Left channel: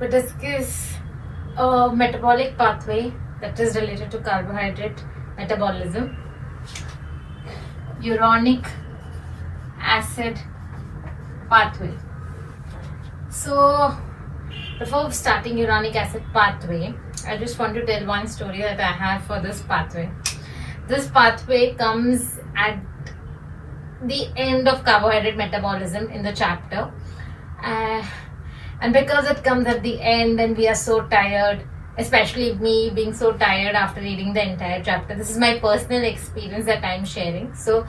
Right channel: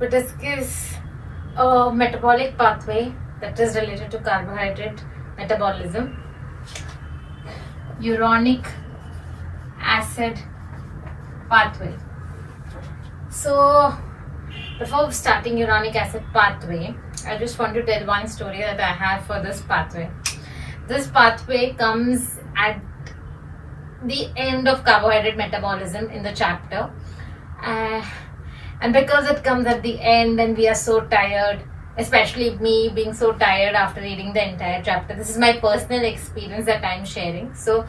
we discuss a metabolic pathway that is related to carbohydrate metabolism, uronic acid pathway. So before starting uronic acid pathway, I just want to tell one story that I have for this pathway. This pathway comes at the end of carbohydrate metabolism in the chapter, and because it comes at the end and we are so tired, especially me being so tired after reading the entire chapter. This is my personal experience that I'm sharing. So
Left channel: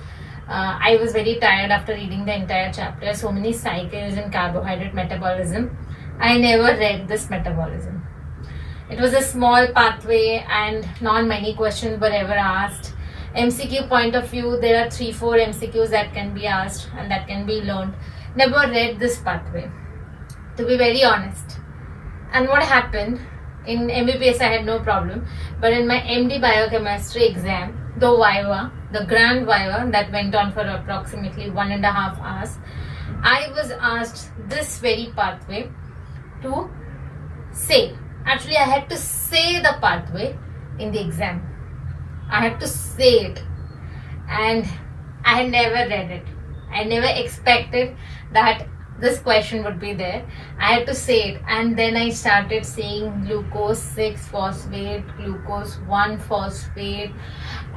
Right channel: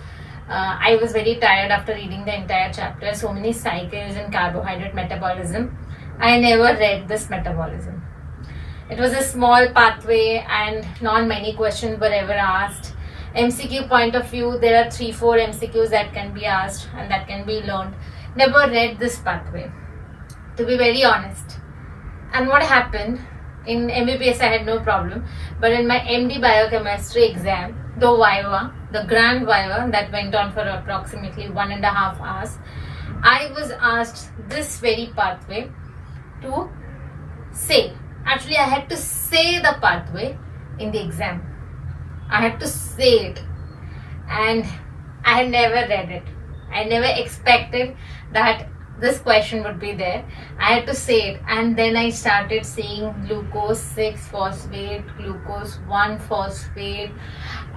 I was very tired after reading the entire chapter. So many cycles in carbohydrate metabolism. I never read this metabolism. It was a small pathway and not many questions were ever asked. MCQ point of view, there are 3-4 MCQs that can be asked and that can be learned. Never read this pathway, to be very honest. And what happened, in MBBS I had no problem, but in my MD biochemistry exam, the Viva, the grand Viva that went on for approximately 1.5 hours, I was asked this very pathway to say. Actually, I had to say the pathway in the exam. I had to say it, and I had never read it. I never expected that this question would be there. I had to say it, and then I started saying glucose 6-phosphate, glucose 1-phosphate,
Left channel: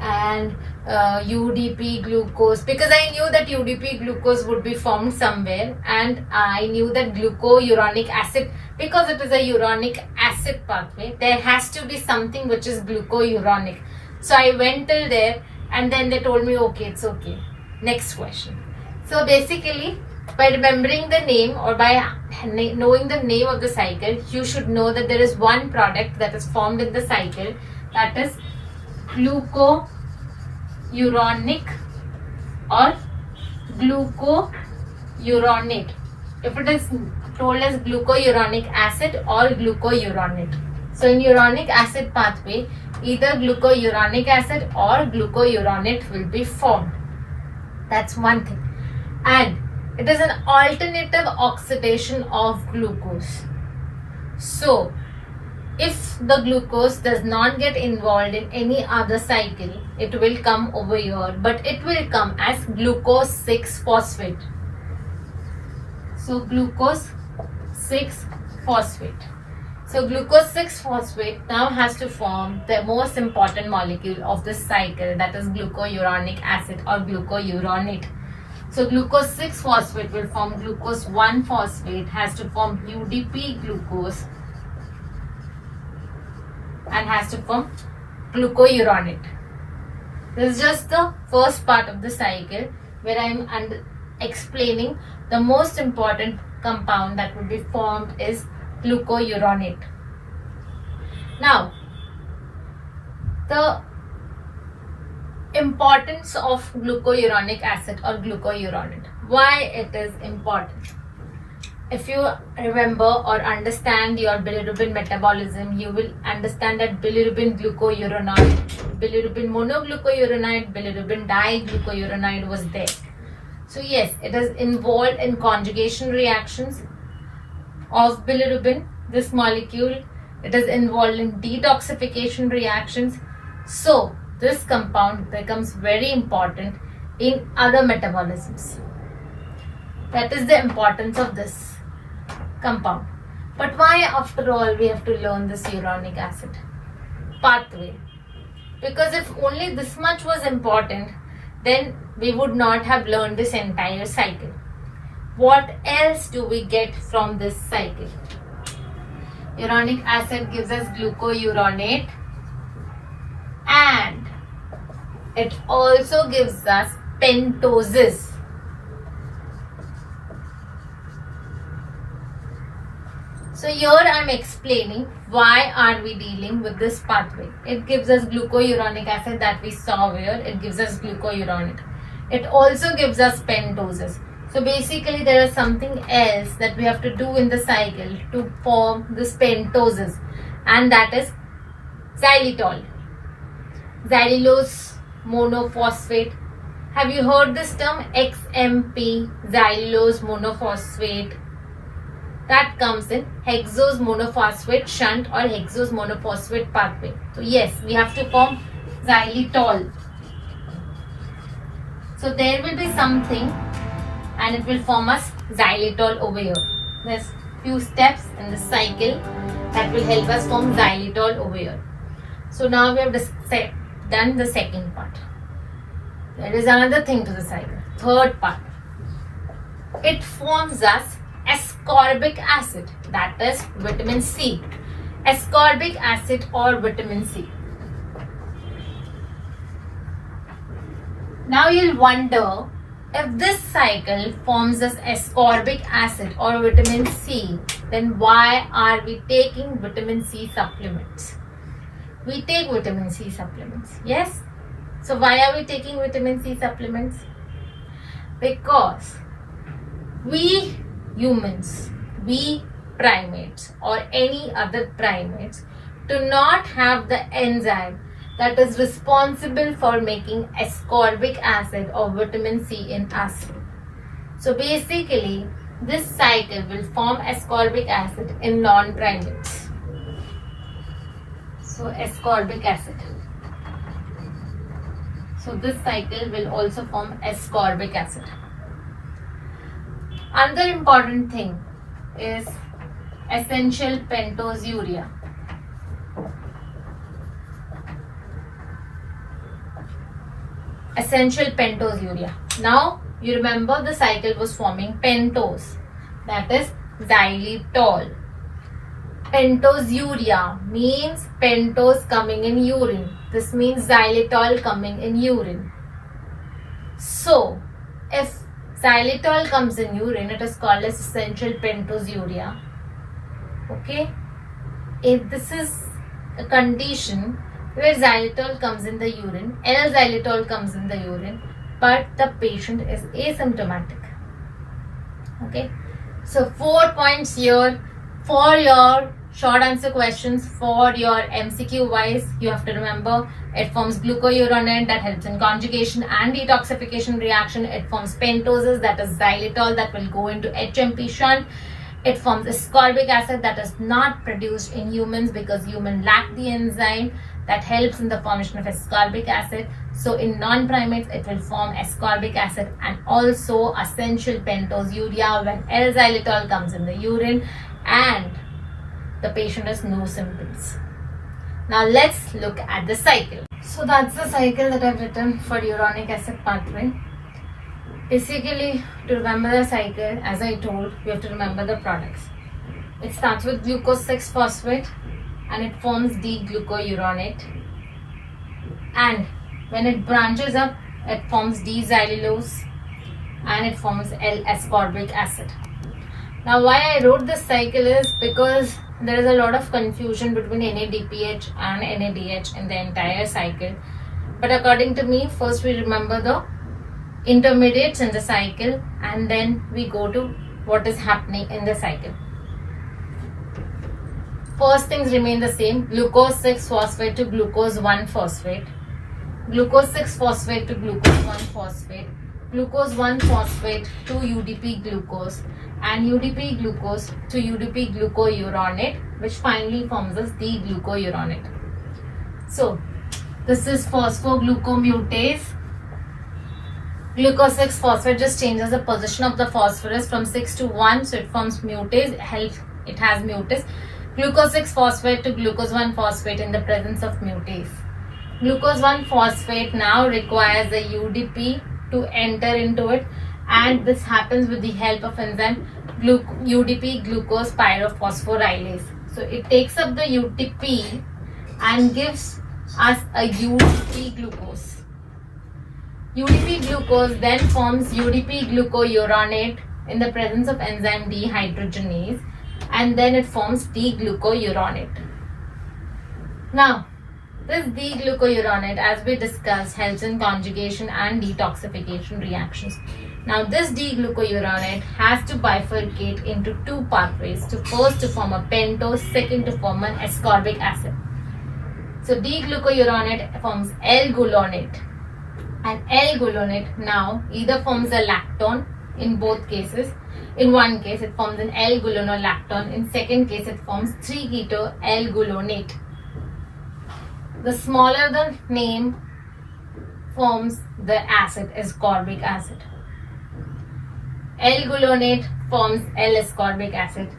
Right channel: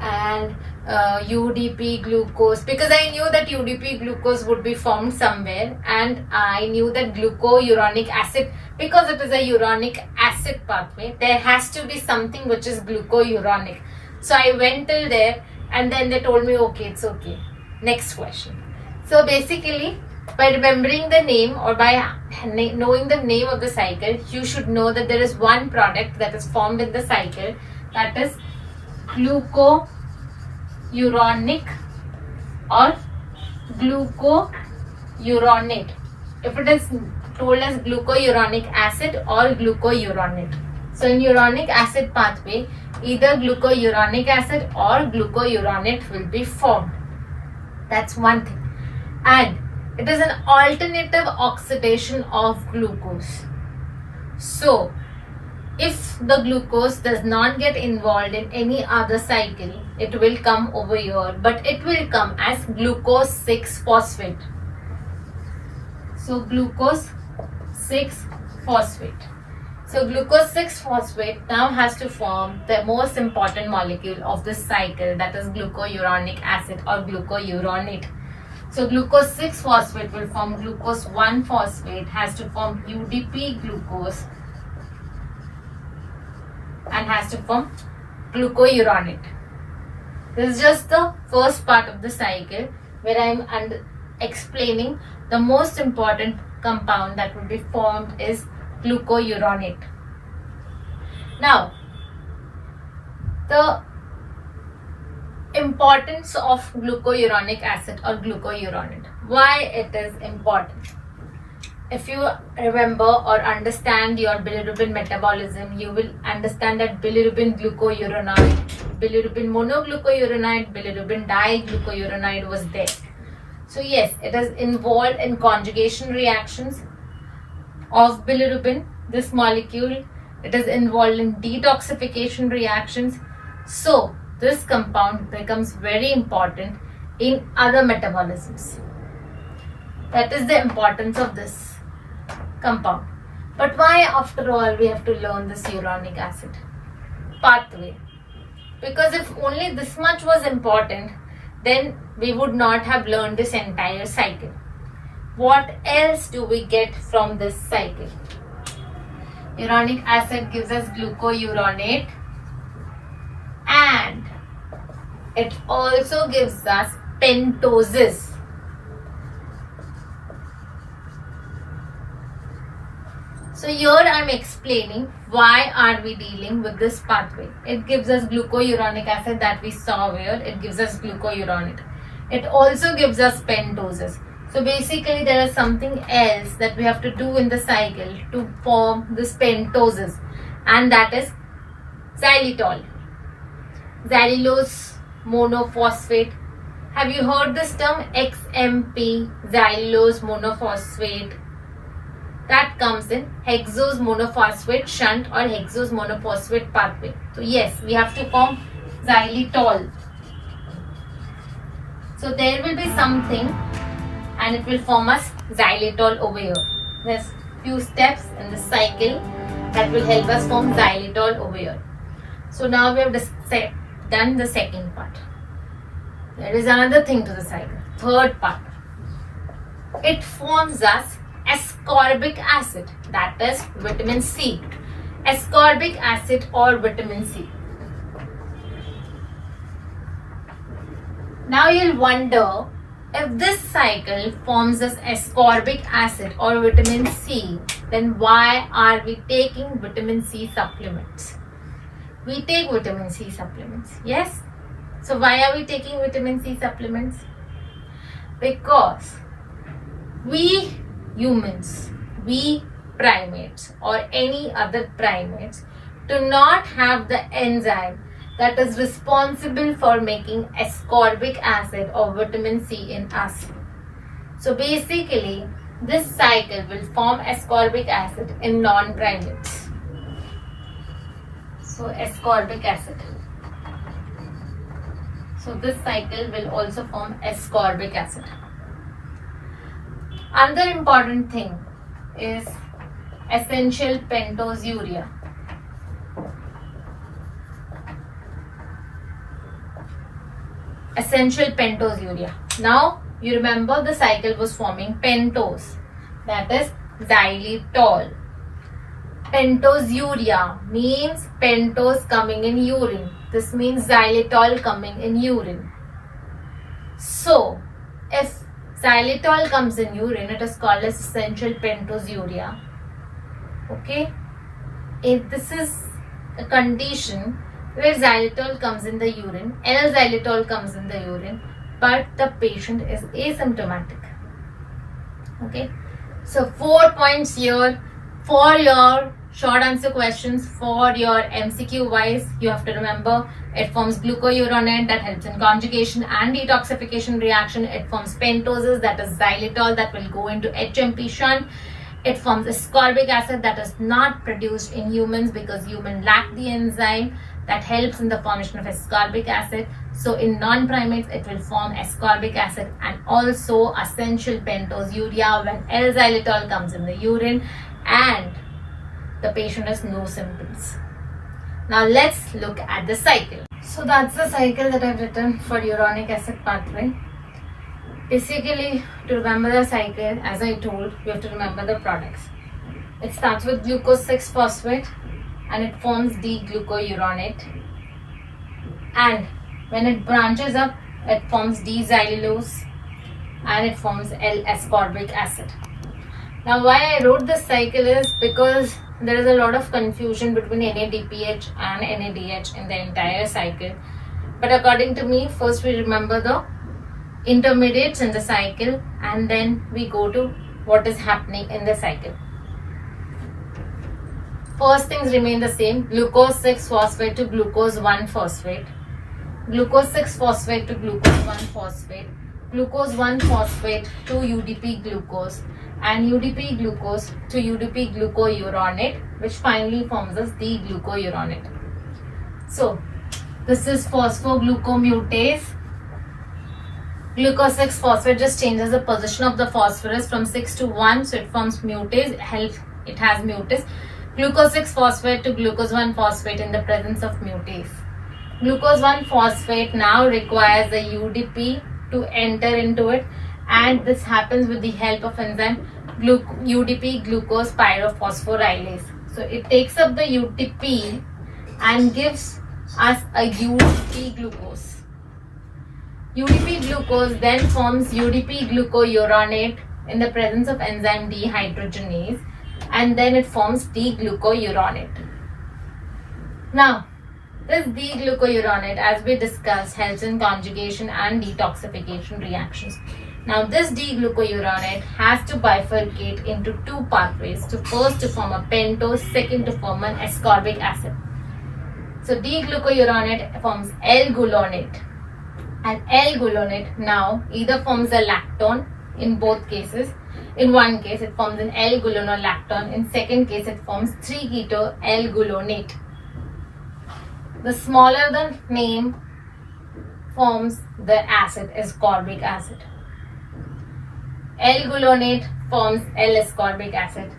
and UDP glucose, because I knew that UDP glucose would be formed somewhere, and I knew that glucouronic acid, because it is a uronic acid pathway, there has to be something which is glucouronic. So I went till there, and then they told me, okay, it's okay. Next question. So basically, by remembering the name or by knowing the name of the cycle, you should know that there is one product that is formed in the cycle, that is glucouronic or glucouronate. If it is told as glucouronic acid or glucouronate. So in uronic acid pathway, either glucouronic acid or glucouronate will be formed. That's one thing. And it is an alternative oxidation of glucose. So if the glucose does not get involved in any other cycle, it will come over here, but it will come as glucose 6-phosphate. So glucose 6-phosphate. So glucose 6-phosphate now has to form the most important molecule of this cycle, that is glucouronic acid or glucouronate. So glucose 6-phosphate will form glucose 1-phosphate, has to form UDP glucose, and has to form glucouronate. This is just the first part of the cycle where I am explaining the most important compound that will be formed is glucouronate. Now, the importance of glucouronic acid or glucouronate. Why it is important? If you remember or understand your bilirubin metabolism, you will understand that bilirubin glucouronate, bilirubin monoglucouronate, bilirubin diglucouronate was there. So yes, it is involved in conjugation reactions of bilirubin, this molecule. It is involved in detoxification reactions. So this compound becomes very important in other metabolisms. That is the importance of this compound. But why after all we have to learn this uronic acid pathway? Because if only this much was important, then we would not have learned this entire cycle. What else do we get from this cycle? Uronic acid gives us glucouronate, and it also gives us pentoses. So here I am explaining why are we dealing with this pathway. It gives us glucouronic acid that we saw where it gives us glucouronate. It also gives us pentoses. So basically there is something else that we have to do in the cycle to form this pentoses, and that is xylitol, xylulose monophosphate. Have you heard this term XMP, xylulose monophosphate? that comes in hexose monophosphate shunt or hexose monophosphate pathway. So yes, we have to form xylitol. So there will be something and it will form us xylitol over here. There's few steps in the cycle that will help us form xylitol over here. So now we have done the second part. There is another thing to the cycle. Third part. It forms us ascorbic acid, that is vitamin C. Ascorbic acid or vitamin C. Now you'll wonder, if this cycle forms us ascorbic acid or vitamin C, then why are we taking vitamin C supplements? We take vitamin C supplements, yes? So why are we taking vitamin C supplements? Because we humans, we primates or any other primates do not have the enzyme that is responsible for making ascorbic acid or vitamin C in us. So basically, this cycle will form ascorbic acid in non-primates. So ascorbic acid. So this cycle will also form ascorbic acid. Another important thing is essential pentose urea. Essential pentose urea. Now you remember the cycle was forming pentose, that is xylitol. Pentose urea means pentose coming in urine. This means xylitol coming in urine. So if xylitol comes in urine, it is called as essential pentose urea. Okay, if this is a condition where xylitol comes in the urine, L-xylitol comes in the urine, but the patient is asymptomatic. Okay, so 4 points here for your short answer questions. For your MCQ wise, you have to remember it forms glucouronate that helps in conjugation and detoxification reaction. It forms pentoses, that is xylitol, that will go into HMP shunt. It forms ascorbic acid that is not produced in humans because humans lack the enzyme that helps in the formation of ascorbic acid. So in non-primates, it will form ascorbic acid and also essential pentose urea when L-xylitol comes in the urine and the patient has no symptoms. Now let's look at the cycle. So that's the cycle that I've written for uronic acid pathway. Basically, to remember the cycle, as I told, we have to remember the products. It starts with glucose 6-phosphate and it forms D-glucouronate. And when it branches up, it forms D-xylulose and it forms L-ascorbic acid. Now why I wrote this cycle is because there is a lot of confusion between NADPH and NADH in the entire cycle. But according to me, first we remember the intermediates in the cycle and then we go to what is happening in the cycle. First things remain the same: glucose 6-phosphate to glucose 1-phosphate, glucose 6-phosphate to glucose 1-phosphate, glucose 1-phosphate to UDP glucose, and UDP glucose to UDP glucouronate, which finally forms as D-glucouronate. So this is phosphoglucomutase. Glucose 6-phosphate just changes the position of the phosphorus from 6 to 1, so it forms mutase. It has mutase. Glucose 6-phosphate to glucose 1-phosphate in the presence of mutase. Glucose 1-phosphate now requires the UDP to enter into it, and this happens with the help of enzyme UDP glucose pyrophosphorylase. So it takes up the UDP and gives us a UDP glucose. UDP glucose then forms UDP glucouronate in the presence of enzyme dehydrogenase, and then it forms D-glucouronate. Now, this D-glucouronate, as we discussed, helps in conjugation and detoxification reactions. Now, this D-glucouronate has to bifurcate into two pathways. First to form a pentose, second to form an ascorbic acid. So, D-glucouronate forms L-gulonate. And L-gulonate now either forms a lactone in both cases, In one case, it forms an L-gulonolactone. In second case, it forms 3-keto-L-gulonate. The smaller the name forms the acid ascorbic acid. L-gulonate forms L-ascorbic acid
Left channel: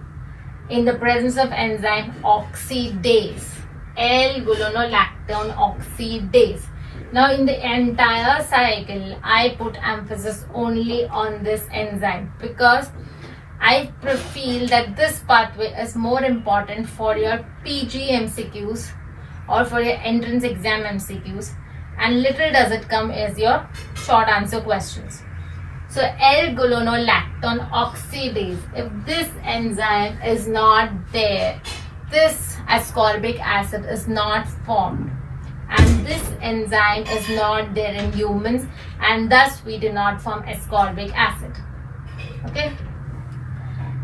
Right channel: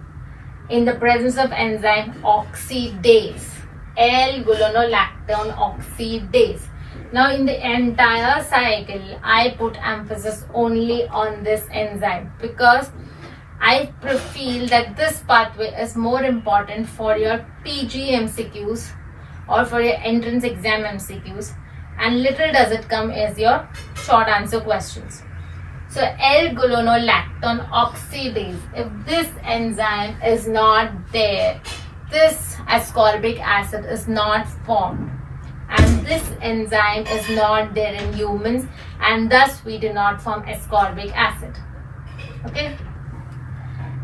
in the presence of enzyme oxidase. L-gulonolactone oxidase. Now in the entire cycle, I put emphasis only on this enzyme because I feel that this pathway is more important for your PG MCQs or for your entrance exam MCQs, and little does it come as your short answer questions. So L-gulonolactone oxidase, if this enzyme is not there, this ascorbic acid is not formed, and this enzyme is not there in humans, and thus we do not form ascorbic acid. Okay.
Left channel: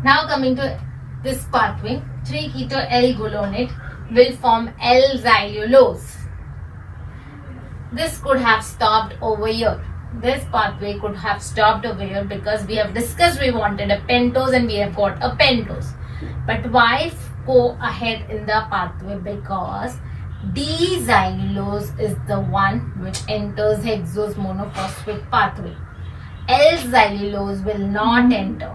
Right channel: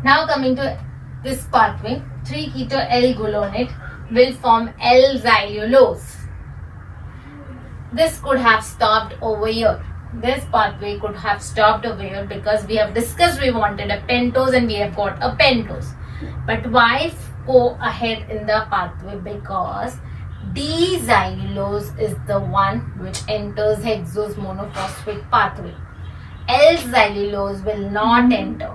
Now coming to this pathway, 3-keto-L-gulonate will form L-xylulose. This could have stopped over here. This pathway could have stopped over here because we have discussed we wanted a pentose and we have got a pentose. But why go ahead in the pathway? Because D-xylulose is the one which enters hexose monophosphate pathway. L-xylulose will not enter.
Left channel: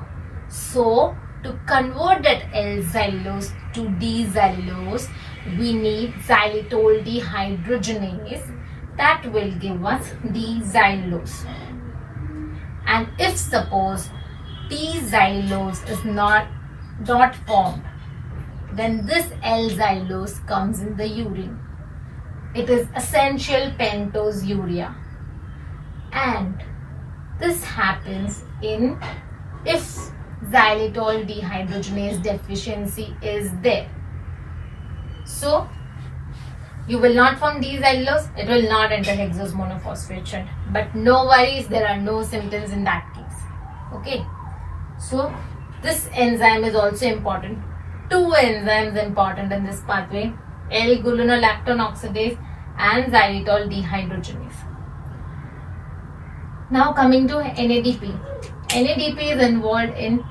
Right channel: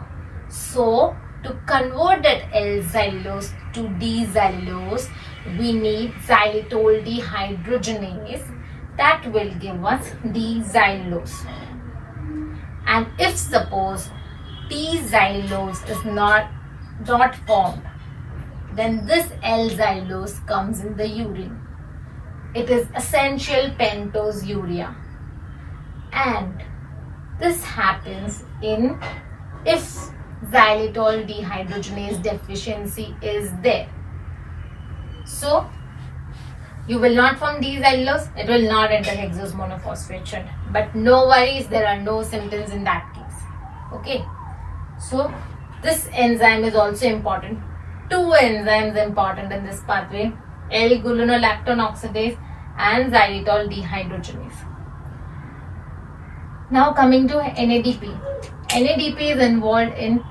So to convert that L-xylulose to D-xylulose, we need xylitol dehydrogenase. That will give us D-xylulose. And if suppose D-xylulose is not formed, then this L-xylulose comes in the urine. It is essential pentose urea. And this happens if xylitol dehydrogenase deficiency is there. So you will not form D-xylulose, it will not enter hexose monophosphate shunt. But no worries, there are no symptoms in that case. Okay. So this enzyme is also important. Two enzymes important in this pathway, L-gulonolactone oxidase and xylitol dehydrogenase. Now coming to NADP. NADP is involved in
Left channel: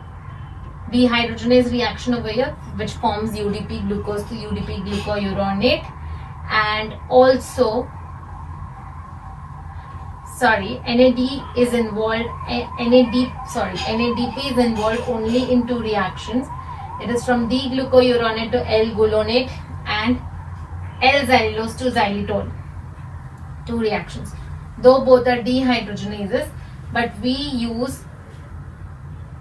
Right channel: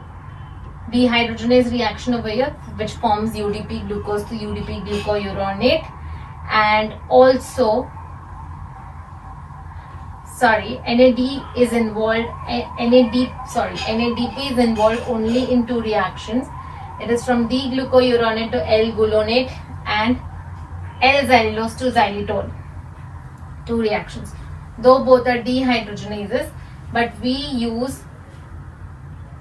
dehydrogenase reaction over here, which forms UDP glucose to UDP glucouronate, and also NADP is involved only in two reactions. It is from D-glucouronate to L-gulonate and L-xylulose to xylitol. Two reactions. Though both are dehydrogenases, but we use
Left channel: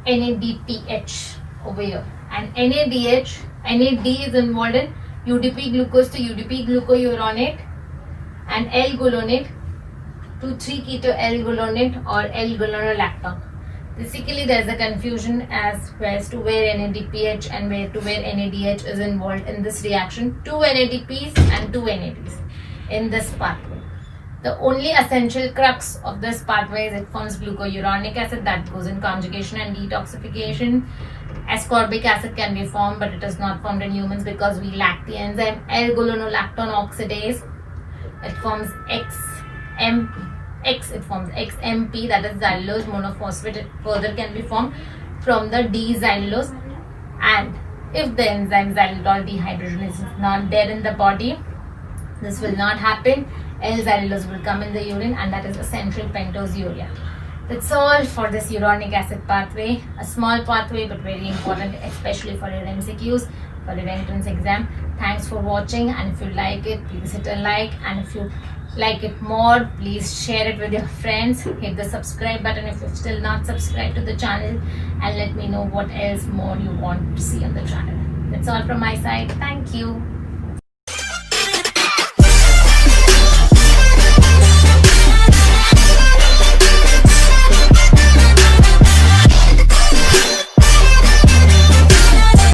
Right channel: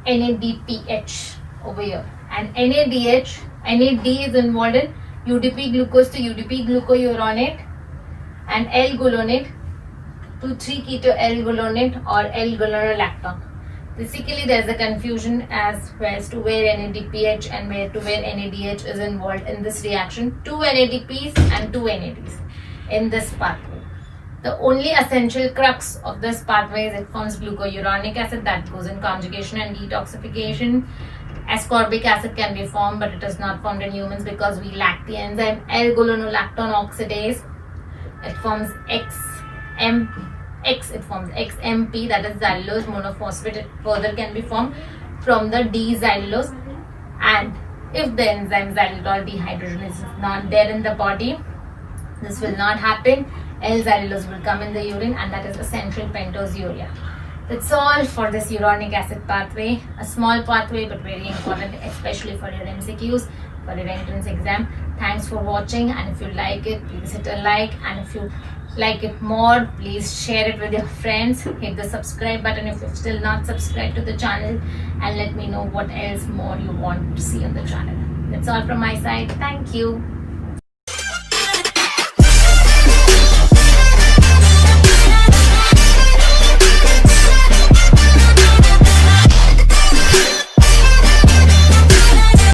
NADPH over here. And NAD is involved in UDP glucose to UDP glucouronate and L-gulonate to 3-keto-L-gulonate or L-gulonolactone. Basically, there is a confusion as to where NADPH and where NADH is involved in this reaction. Two NADPs and two NADs in this pathway. The only essential crux of this pathway is it forms glucuronic acid that goes in conjugation and detoxification. Ascorbic acid can be formed, but it is not formed in humans because we lack the enzyme L-gulonolactone oxidase. It forms XMP, that is xylulose monophosphate. It further can be formed from the D-xylulose. And if the enzyme xylitol dehydrogenase is not there in the body, this will not happen. L-xylulose will come in the urine, and that is essential pentose urea. That's all for this uronic acid pathway. A small pathway but very important, especially for your MCQs, for your entrance exam. Thanks for watching, and if you like it, please hit a like, and if you like it more, please share it with your friends. Hit the subscribe button if you're still not subscribed to the channel, and let me know what else more you want to see on the channel. That's all from my side. Thank you.